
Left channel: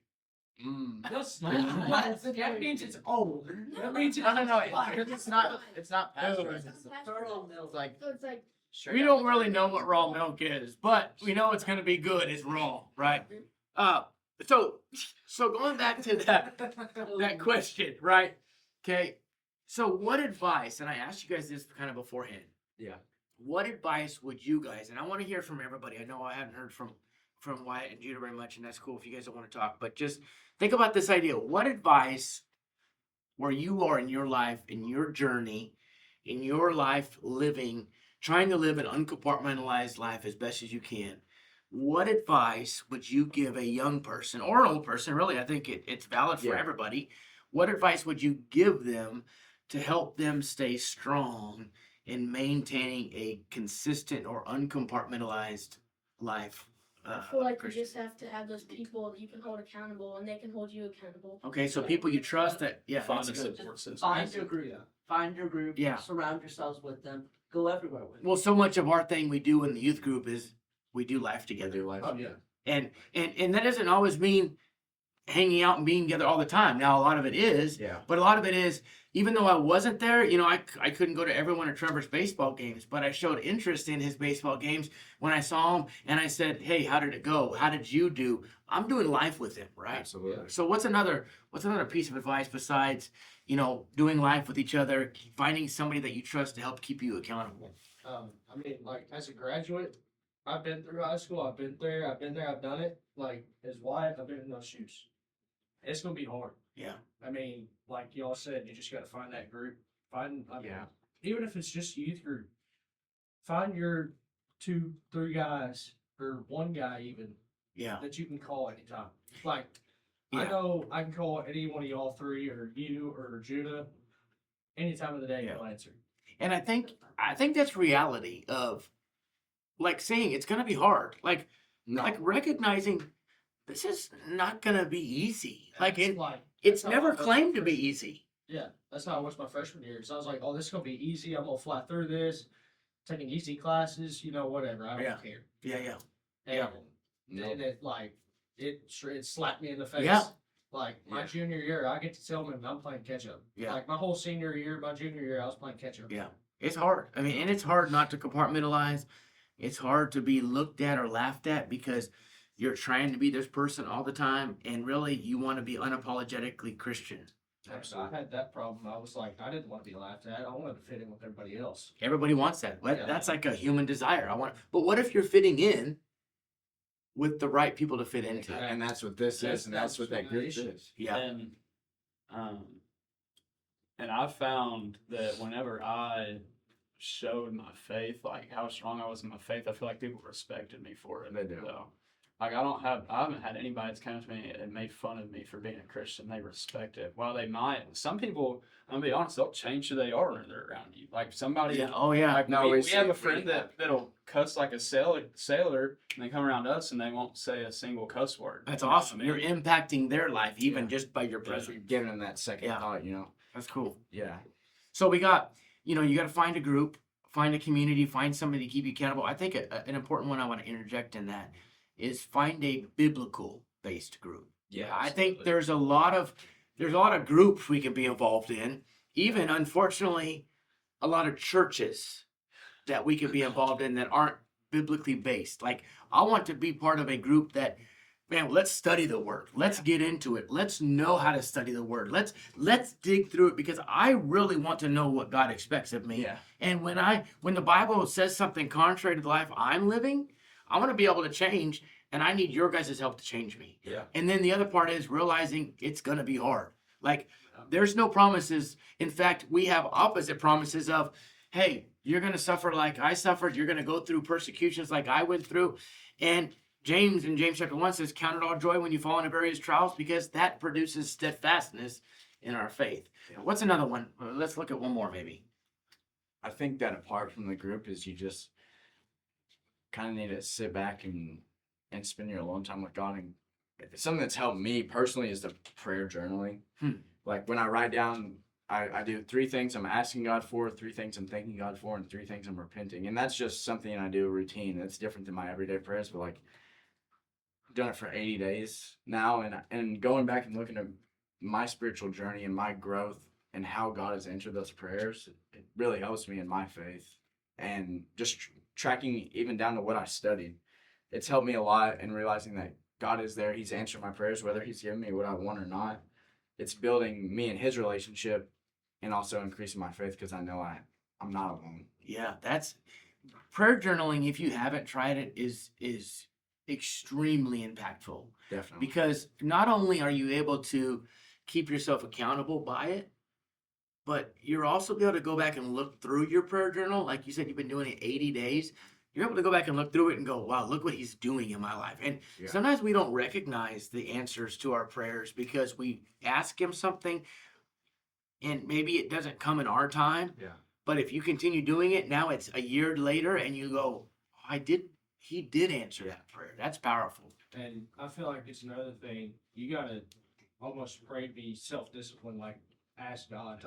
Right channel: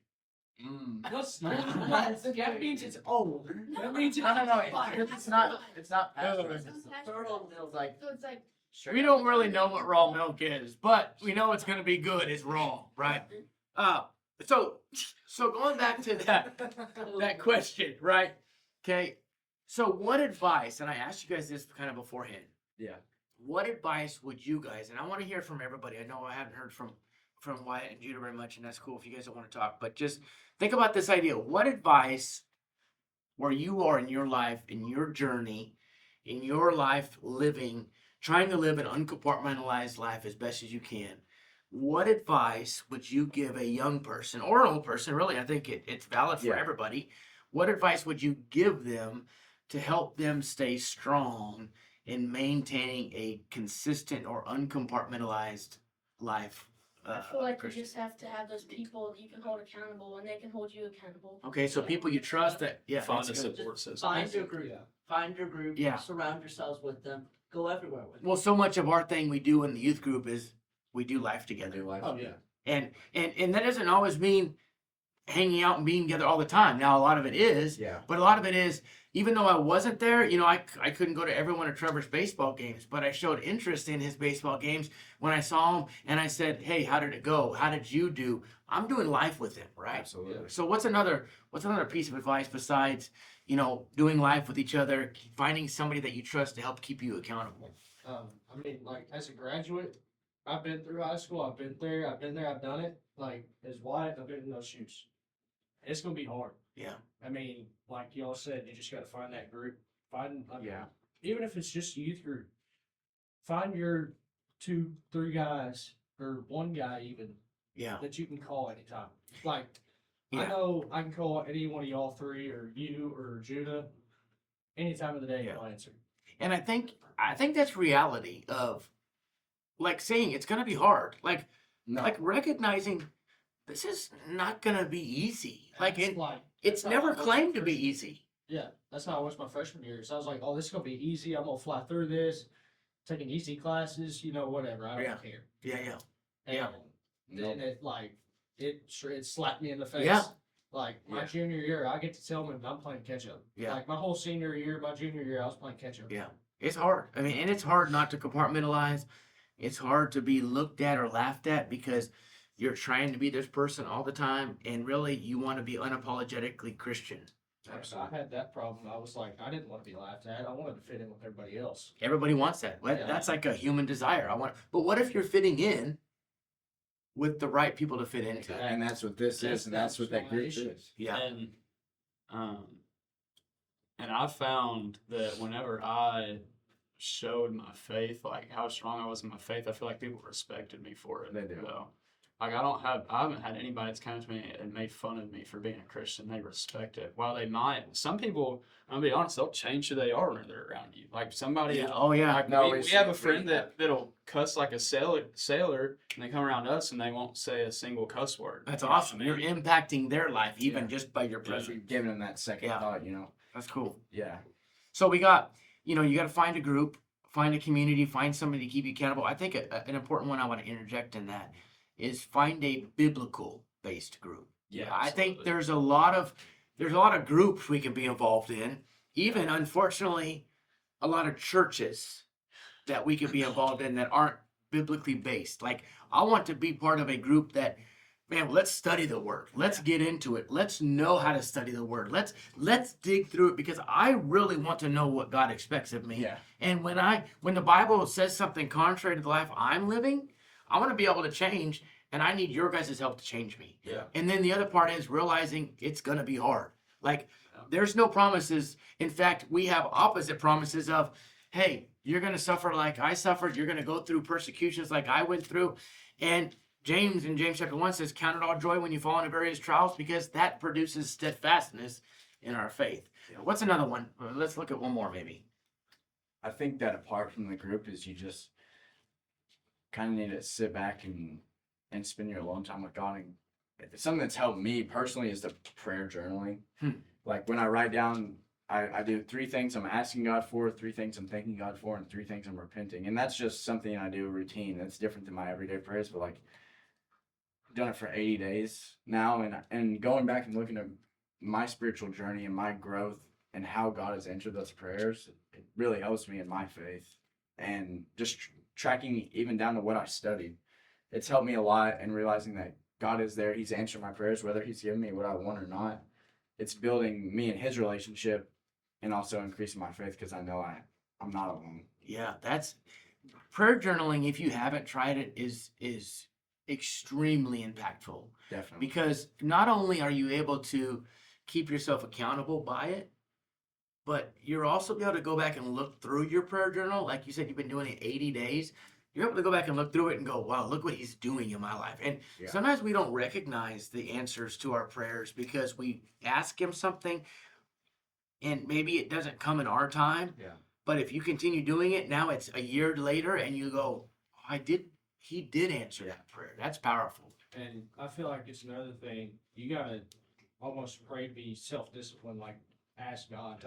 that means it's old. That means it's No. It's not. It's not. pasteurized. Turtle milk. Like So it's like, We don't really know what raw milk is, but we know it's gonna be good. It's raw, right? So going back to that question, right? Okay. So what advice, and I asked you guys this kind of beforehand. Yeah. What advice would you guys, and I want to hear from everybody. I know I haven't heard from Wyatt and Judah very much, and that's cool if you guys don't want to talk, but just think about this idea. What advice, where you are in your life, in your journey, in your life living, trying to live an uncompartmentalized life as best as you can, what advice would you give a young person or an old person? Really, I think it's valid for Yeah. everybody. What advice would you give them to help them stay strong in maintaining a consistent or uncompartmentalized life? I feel like you Christian? just have to have those people that you can hold accountable, and they can hold you accountable. Okay, so people you trust that, yeah, Find that's a good. support system. Find your group. Find your group. Yeah. Surround yourselves with them. Go everywhere with them. Well, so much of our thing we do in the youth group is we do life together. Do life. Oh yeah. And that doesn't always mean hanging out and being together all the time. Now, a lot of it is, Yeah. but a lot of it is, even though I wasn't there, I couldn't go to every one of Trevor's baseball games, but I showed interest in his baseball games when I saw him, and I said, hey, how did it go? How did you do? I'm doing life with him, right? Absolutely. So what's another piece of advice besides, doing life with each other, finding somebody that you trust to help keep you accountable? I mean, like as a graduate, I've been through high school. I've been there. I've done it. Like as Wyatt, I've been in those shoes. It's gonna be hard. Yeah. I mean, like y'all said, you just gotta find that group. Yeah. Even if it's just youth group, find your 2-3 guys or one guy even Yeah. that you can call anytime. Like Yeah. I know I can call any one of y'all three or you or Judah any time of the day. Yeah. You'll answer. And I think that's reality of, like, saying it's gonna be hard. Like recognizing this is not gonna be easy. Like That's like it's that's how never I was my claimed to be freshman- easy. Yeah, that's how I was my freshman year. So I was like, oh, this is gonna be easy. I'm gonna fly through this, taking easy classes, whatever. I don't Yeah. care. Yeah. And Yeah. then it slapped me in the face. Yeah. Like my Yeah. junior year, I get to tell them I'm playing catch up. Yeah. Like my whole senior year, my junior year, I was playing catch up. Yeah. It's hard. I mean, and it's hard not to compartmentalize. It's hard to be looked at or laughed at because you're trying to be this person all the time, and really you want to be unapologetically Christian. I had that problem. I was like, I didn't want to be laughed at. I wanted to fit in with everybody else. Everybody wants that. Yeah. That's like a human desire. But what if you're fitting in with the right people to fit into? And that's what this is, and that's what that group is. Yeah. And I found that whenever I showed my faith, like how strong I was in my faith, I feel like people respected me for it. They do. So, like I haven't had anybody that's come to me and made fun of me for being a Christian. They respect it. While they might, some people, I'm gonna be honest, they'll change who they are when they're around you. Like somebody, Yeah. Oh yeah. like No, we it's- have a friend that'll cuss like a sailor, and they come around us and they won't say a single cuss word. That's You know what I awesome. mean? You're impacting their life even Yeah. just by your If presence. you're giving them that second Yeah. thought, That's cool. Yeah. So we got, you got to find a group, find a community, find somebody to keep you accountable. I think an important one I want to interject in that is find a biblical based group. Yeah, I think absolutely. there's a lot of groups we can be involved in. Even unfortunately, a lot of churches that we could be involved in that aren't biblically based. Like I want to be part of a group that, man, let's study the word. Let's get into it. Let's know how to study the word. Let's dig through it because I really want to know what God expects of me. Yeah. And when the Bible says something contrary to the life I'm living, I want to be able to change, and I need your guys' help to change me. Yeah. And then the other part is realizing it's going to be hard. Like, there's no promises. In fact, we have opposite promises of, hey, you're going to suffer like I suffered. You're going to go through persecutions like I went through. And James in James chapter 1 says, count it all joy when you fall into various trials, because that produces steadfastness in our faith. What's another one? Let's look at one more maybe. I think that apart from the group is you just kind of need to sit back and spend your alone time with God. And something that's helped me personally is the prayer journaling. Like when I write down, I do 3 things I'm asking God for, 3 things I'm thanking God for, and 3 things I'm repenting. And that's just something I do routine. That's different than my everyday prayers, but like I've done it for 80 days now, and going back and looking at my spiritual journey and my growth and how God has answered those prayers, it really helps me in my faith. And just tracking even down to what I studied, it's helped me a lot, and realizing that God is there. He's answering my prayers, whether he's giving me what I want or not. It's building me and his relationship, and also increasing my faith, because I know I'm not alone. Yeah, that's prayer journaling. If you haven't tried it, is extremely impactful, Definitely. because not only are you able to keep yourself accountable by it, but you're also able to go back and look through your prayer journal. Like you said, you've been doing it 80 days. You're able to go back and look through it and go, wow, look what he's doing in my life. And sometimes we don't recognize the answers to our prayers because we ask him something and maybe it doesn't come in our time. Yeah. But if you continue doing it, now it's a year later and you go, he did answer that prayer. That's powerful. And I feel like it's another thing. You gotta almost pray to be self-disciplined, like ask God,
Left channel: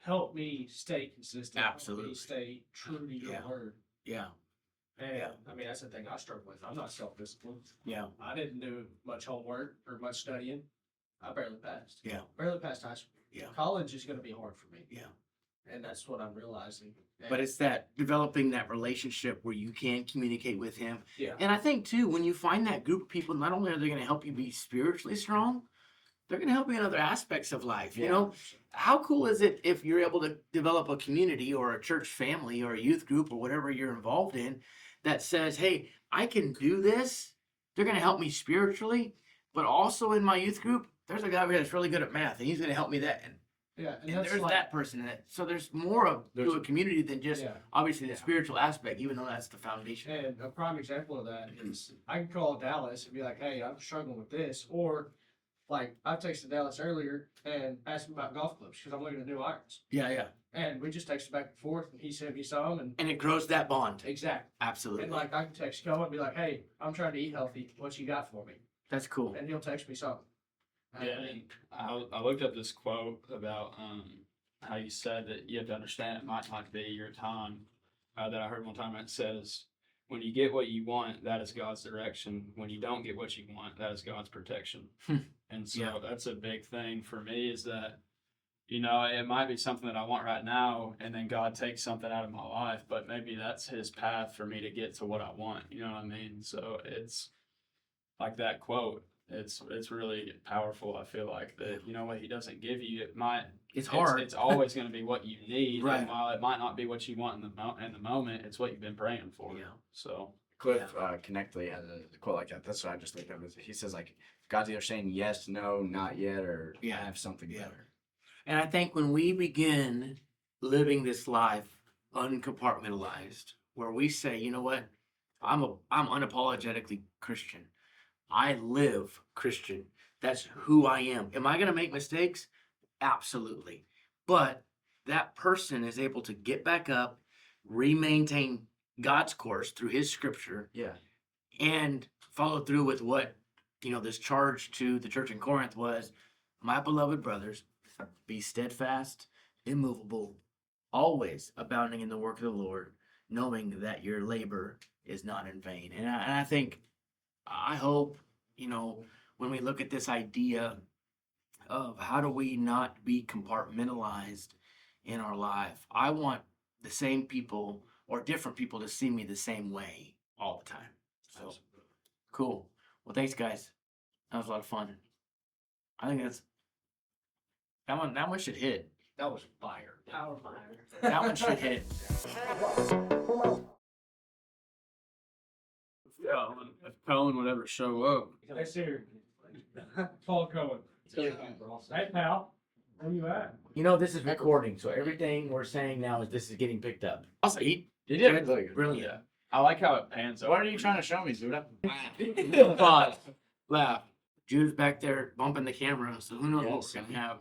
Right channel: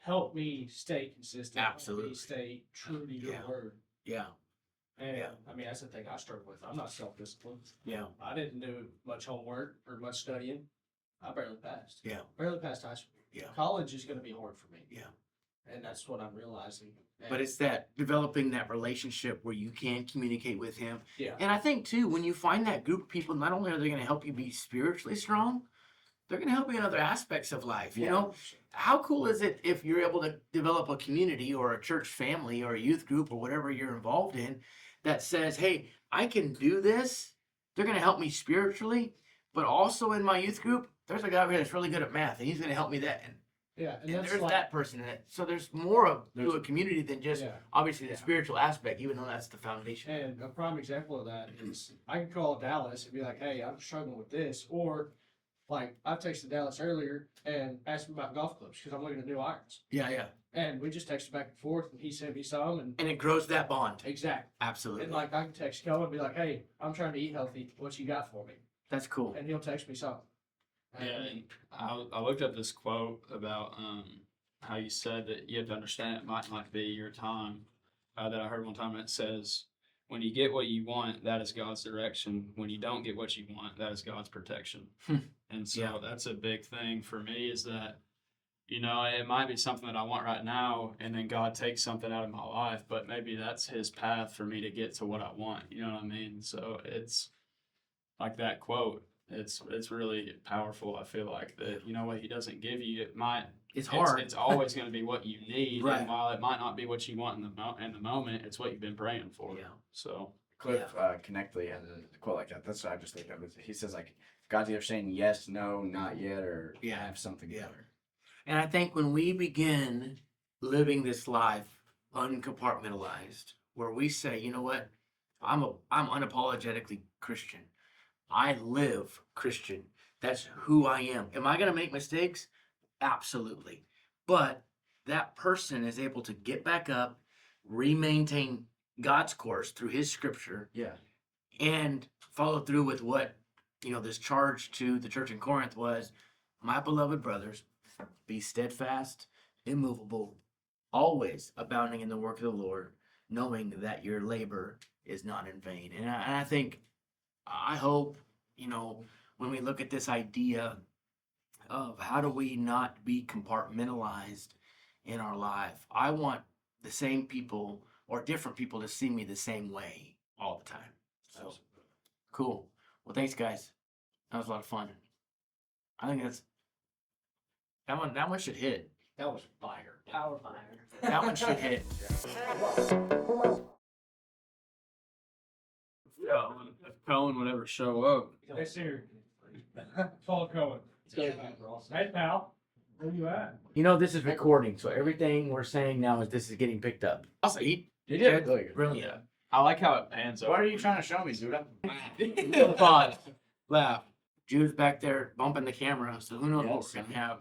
help me stay consistent. Absolutely. Help me stay true to your word. Yeah. And I mean, that's the thing I struggle with. I'm not self-disciplined. Yeah. I didn't do much homework or much studying. I barely passed. Yeah. Barely passed high school. Yeah. College is going to be hard for me. Yeah. And that's what I'm realizing. But it's that developing that relationship where you can communicate with him. Yeah. And I think too, when you find that group of people, not only are they going to help you be spiritually strong, they're going to help you in other aspects of life. You know, how cool is it if you're able to develop a community or a church family or a youth group or whatever you're involved in that says, hey, I can do this. They're going to help me spiritually, but also in my youth group, there's a guy over here that's really good at math and he's going to help me that. And that's there's like, that person in it. So there's more to a community than just obviously the spiritual aspect, even though that's the foundation. And a prime example of that is I can call Dallas and be like, hey, I'm struggling with this. Or like I texted Dallas earlier and asked him about golf clubs because I'm looking at new irons. Yeah. And we just texted back and forth and he sent me some. And it grows that bond. Exactly. Absolutely. And like I can text Cohen and be like, hey, I'm trying to eat healthy. What you got for me? That's cool. And he'll text me something. I looked up this quote about how you said that you have to understand it might not be your time. That I heard one time, it says, when you get what you want, that is God's direction. When you don't get what you want, that is God's protection. And so that's a big thing for me, is that, you know, it might be something that I want right now, and then God takes something out of my life, but maybe that's his path for me to get to what I want. You know what I mean? So it's like that quote. It's really powerful. I feel like that, you know, what he doesn't give you, it's hard. It's always going to be what you need. Right. And while it might not be what you want in the moment, it's what you've been praying for. Yeah. So Cliff Connectly has a quote like that. That's what I just think of. He says like God's either saying yes, no, not yet, or have something better. And I think when we begin living this life uncompartmentalized, where we say, you know what, I'm unapologetically Christian. I live Christian. That's who I am. Am I going to make mistakes? Absolutely. But that person is able to get back up, maintain God's course through his scripture, and follow through with what, you know, this charge to the church in Corinth was, my beloved brothers, be steadfast, immovable, always abounding in the work of the Lord, knowing that your labor is not in vain. And I hope, you know, when we look at this idea of how do we not be compartmentalized in our life, I want the same people or different people to see me the same way all the time. So cool. Well, thanks, guys. That was a lot of fun. I think that one should hit. That was fire. Power fire. That one should hit. if Cohen would ever show up, Hey, Siri. Call Cohen. Hey, pal. Where you at? You know, this is recording, so everything we're saying now is this is getting picked up. Also, he He did did really good. brilliant. I like how it pans over. What are you trying to show me, Zuda? Pause. Laugh. Judah's back there bumping the camera, so who knows what we're gonna have.